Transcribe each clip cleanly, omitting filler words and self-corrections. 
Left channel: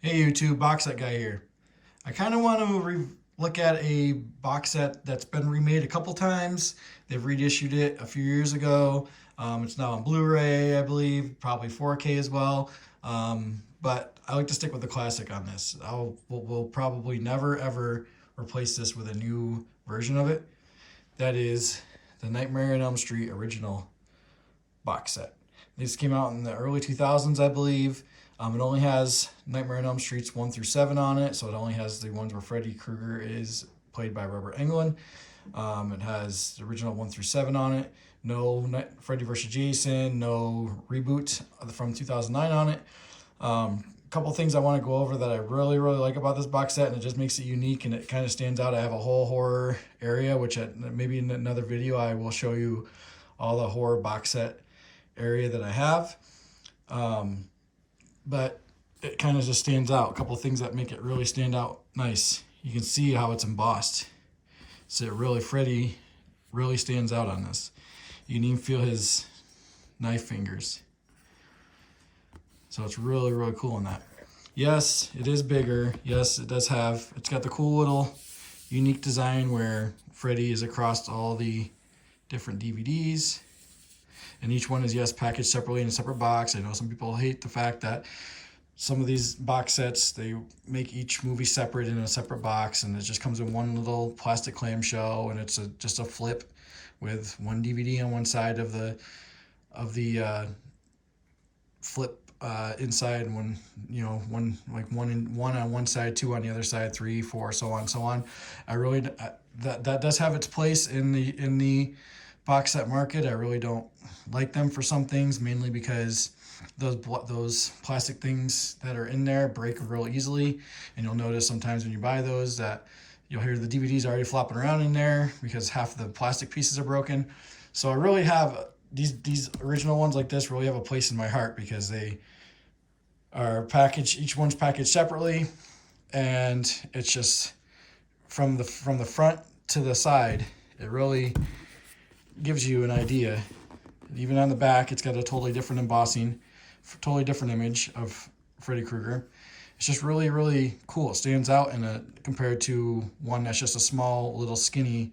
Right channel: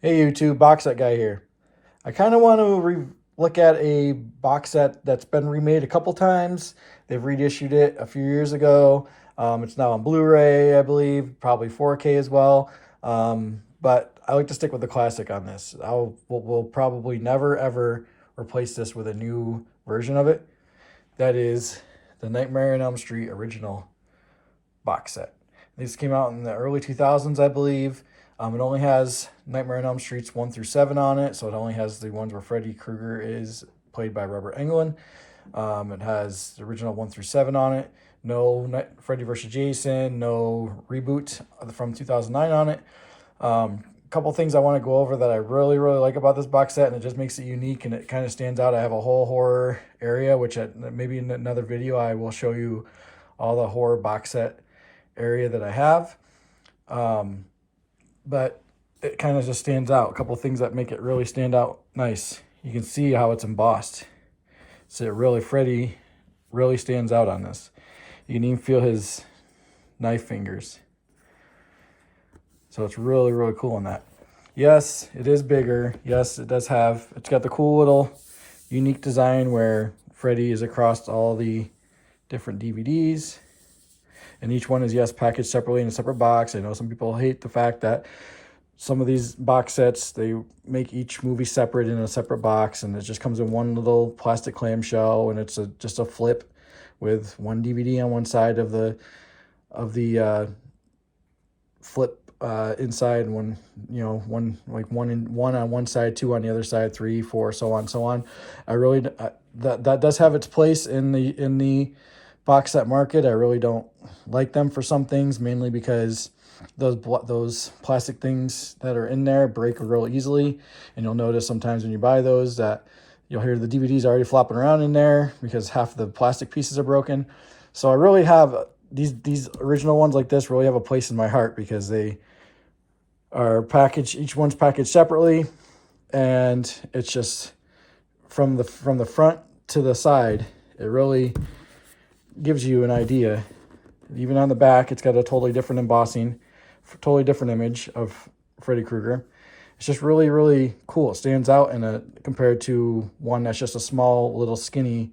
Hey YouTube, box set guy here. I kind of want to look at a box set that's been remade a couple times. They've reissued it a few years ago. It's now on Blu-ray, I believe, probably 4K as well. But I like to stick with the classic on this. We'll probably never ever replace this with a new version of it. That is the Nightmare on Elm Street original box set. This came out in the early 2000s, I believe. It only has Nightmare on Elm Streets 1 through 7 on it, so it only has the ones where Freddy Krueger is played by Robert Englund. It has the original 1 through 7 on it. No Freddy vs. Jason, no reboot from 2009 on it. A couple things I want to go over that I really like about this box set, and it just makes it unique and it kind of stands out. I have a whole horror area, which maybe in another video I will show you all the horror box set area that I have. But it kind of just stands out. A couple of things that make it really stand out nice. You can see how it's embossed. So Freddy really stands out on this. You can even feel his knife fingers. So it's really cool on that. Yes, it is bigger. Yes, it's got the cool little unique design where Freddy is across all the different DVDs. And each one is, yes, packaged separately in a separate box. I know some people hate the fact that some of these box sets, they make each movie separate in a separate box, and it just comes in one little plastic clamshell, and it's just a flip with one DVD on one side of the flip inside, and one on one side, two on the other side, 3, 4, so on. That does have its place in the box set market. I really don't like them for some things, mainly because those plastic things that are in there break real easily, and you'll notice sometimes when you buy those that you'll hear the DVDs already flopping around in there because half the plastic pieces are broken. So I really have these original ones like this really have a place in my heart because they are packaged. Each one's packaged separately, and it's just from the front to the side, it really gives you an idea. Even on the back, it's got a totally different embossing, totally different image of Freddy Krueger. It's just really cool. It stands out compared to one that's just a small little skinny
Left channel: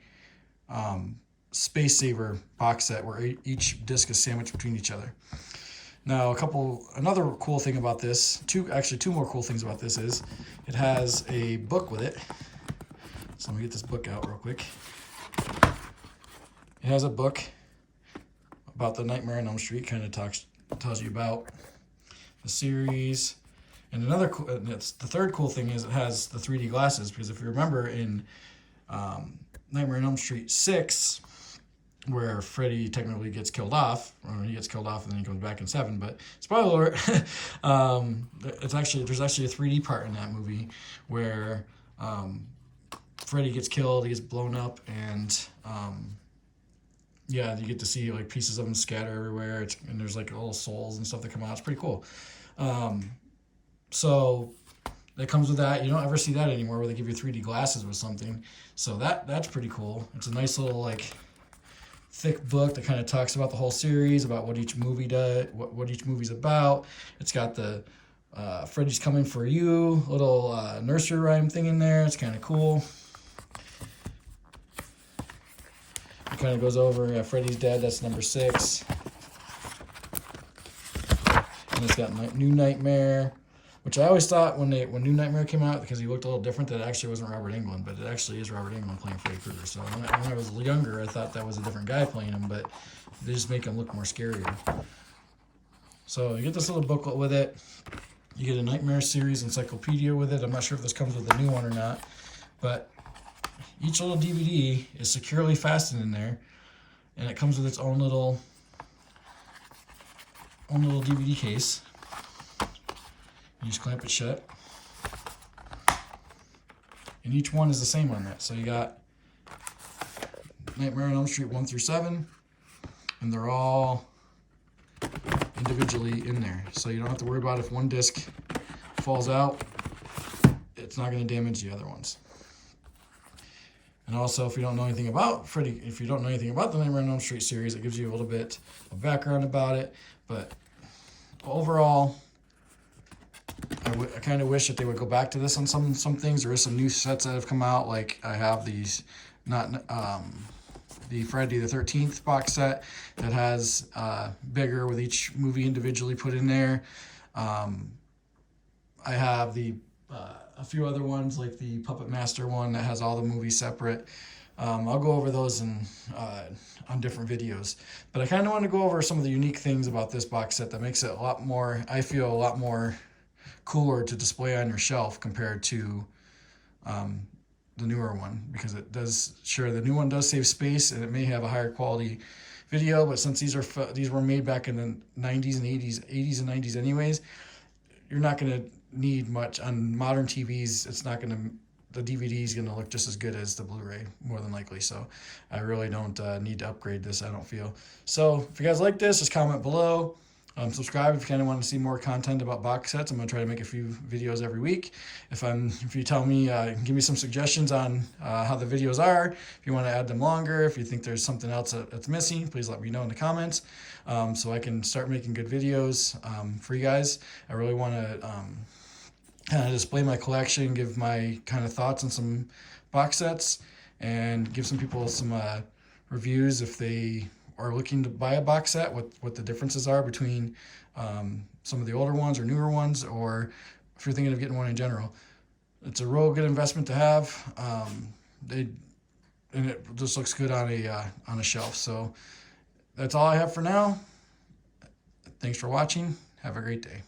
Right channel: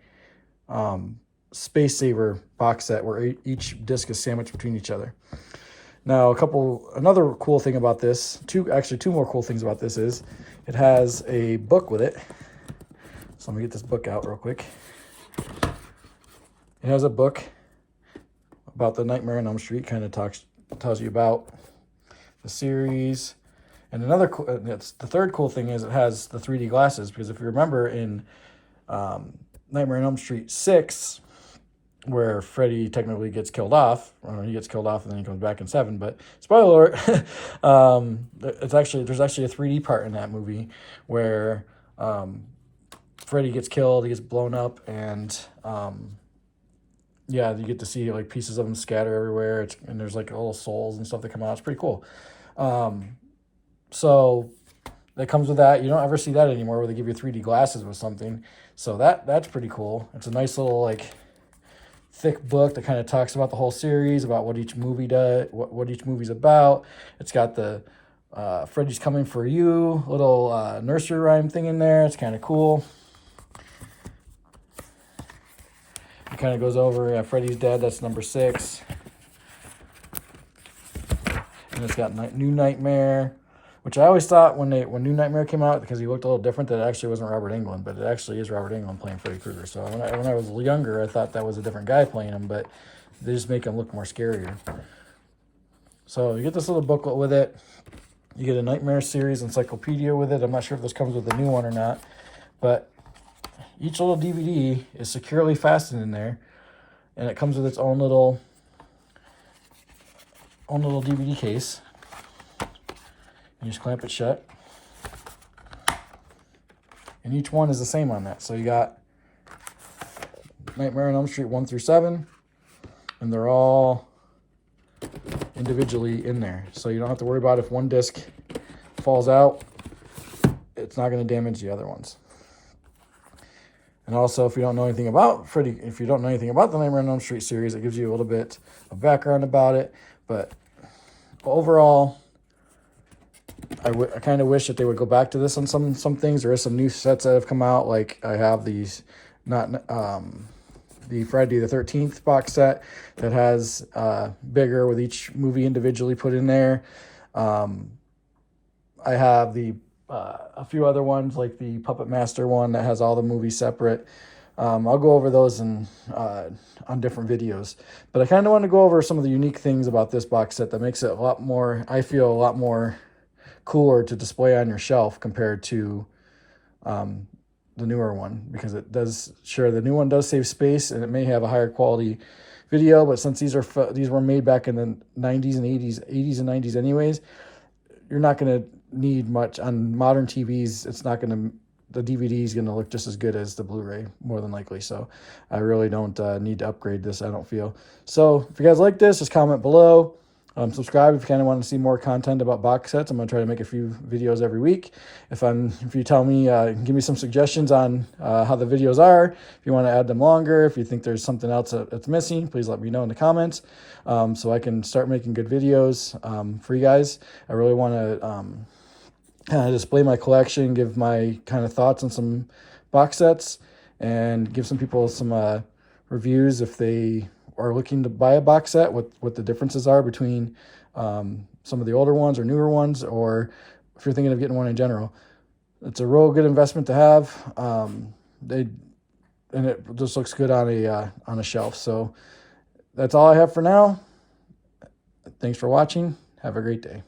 space saver box set where each disc is sandwiched between each other. Now, another cool thing about this, two more cool things about this is it has a book with it. So let me get this book out real quick. It has a book about the Nightmare on Elm Street, kind of tells you about the series. And the third cool thing is it has the 3D glasses, because if you remember in Nightmare on Elm Street 6, where Freddy technically gets killed off, or he gets killed off and then he comes back in 7, but spoiler alert, there's actually a 3D part in that movie where Freddy gets killed, he gets blown up, and yeah, you get to see like pieces of them scatter everywhere. And there's like little souls and stuff that come out. It's pretty cool. So that comes with that. You don't ever see that anymore where they give you 3D glasses with something. So that's pretty cool. It's a nice little like thick book that kind of talks about the whole series, about what each movie does, what each movie's about. It's got the Freddy's Coming for You little nursery rhyme thing in there. It's kind of cool. It kind of goes over, Freddy's dead, that's number 6. And it's got New Nightmare, which I always thought when New Nightmare came out, because he looked a little different, that it actually wasn't Robert Englund, but it actually is Robert Englund playing Freddy Krueger. So when I was younger, I thought that was a different guy playing him, but they just make him look more scarier. So you get this little booklet with it. You get a Nightmare series encyclopedia with it. I'm not sure if this comes with a new one or not, but each little DVD is securely fastened in there, and it comes with its own little DVD case. You just clamp it shut, and each one is the same on that. So you got Nightmare on Elm Street 1 through 7, and they're all individually in there. So you don't have to worry about if one disc falls out, it's not going to damage the other ones. And also, if you don't know anything about the Nightmare on Elm Street series, it gives you a little bit of background about it. But overall, I kind of wish that they would go back to this on some things. There is some new sets that have come out. Like I have these, the Friday the 13th box set that has bigger with each movie individually put in there. I have the a few other ones like the Puppet Master one that has all the movies separate. I'll go over those on different videos, but I kind of want to go over some of the unique things about this box set that makes it a lot more, I feel, a lot more cooler to display on your shelf compared to the newer one, because it does, sure, the new one does save space and it may have a higher quality video, but since these were made back in the 90s and 80s and 90s anyways, you're not going to need much on modern TVs. It's not going to, the DVD is going to look just as good as the Blu-ray, more than likely. So I really don't need to upgrade this, I don't feel. So if you guys like this, just comment below. Subscribe if you kind of want to see more content about box sets. I'm going to try to make a few videos every week. If you tell me, give me some suggestions on how the videos are. If you want to add them longer, if you think there's something else that's missing, please let me know in the comments so I can start making good videos for you guys. I really want to kind of display my collection, give my kind of thoughts on some box sets, and give some people some reviews if they are looking to buy a box set, what the differences are between some of the older ones or newer ones, or if you're thinking of getting one in general. It's a real good investment to have. And it just looks good on a shelf. So that's all I have for now. Thanks for watching. Have a great day.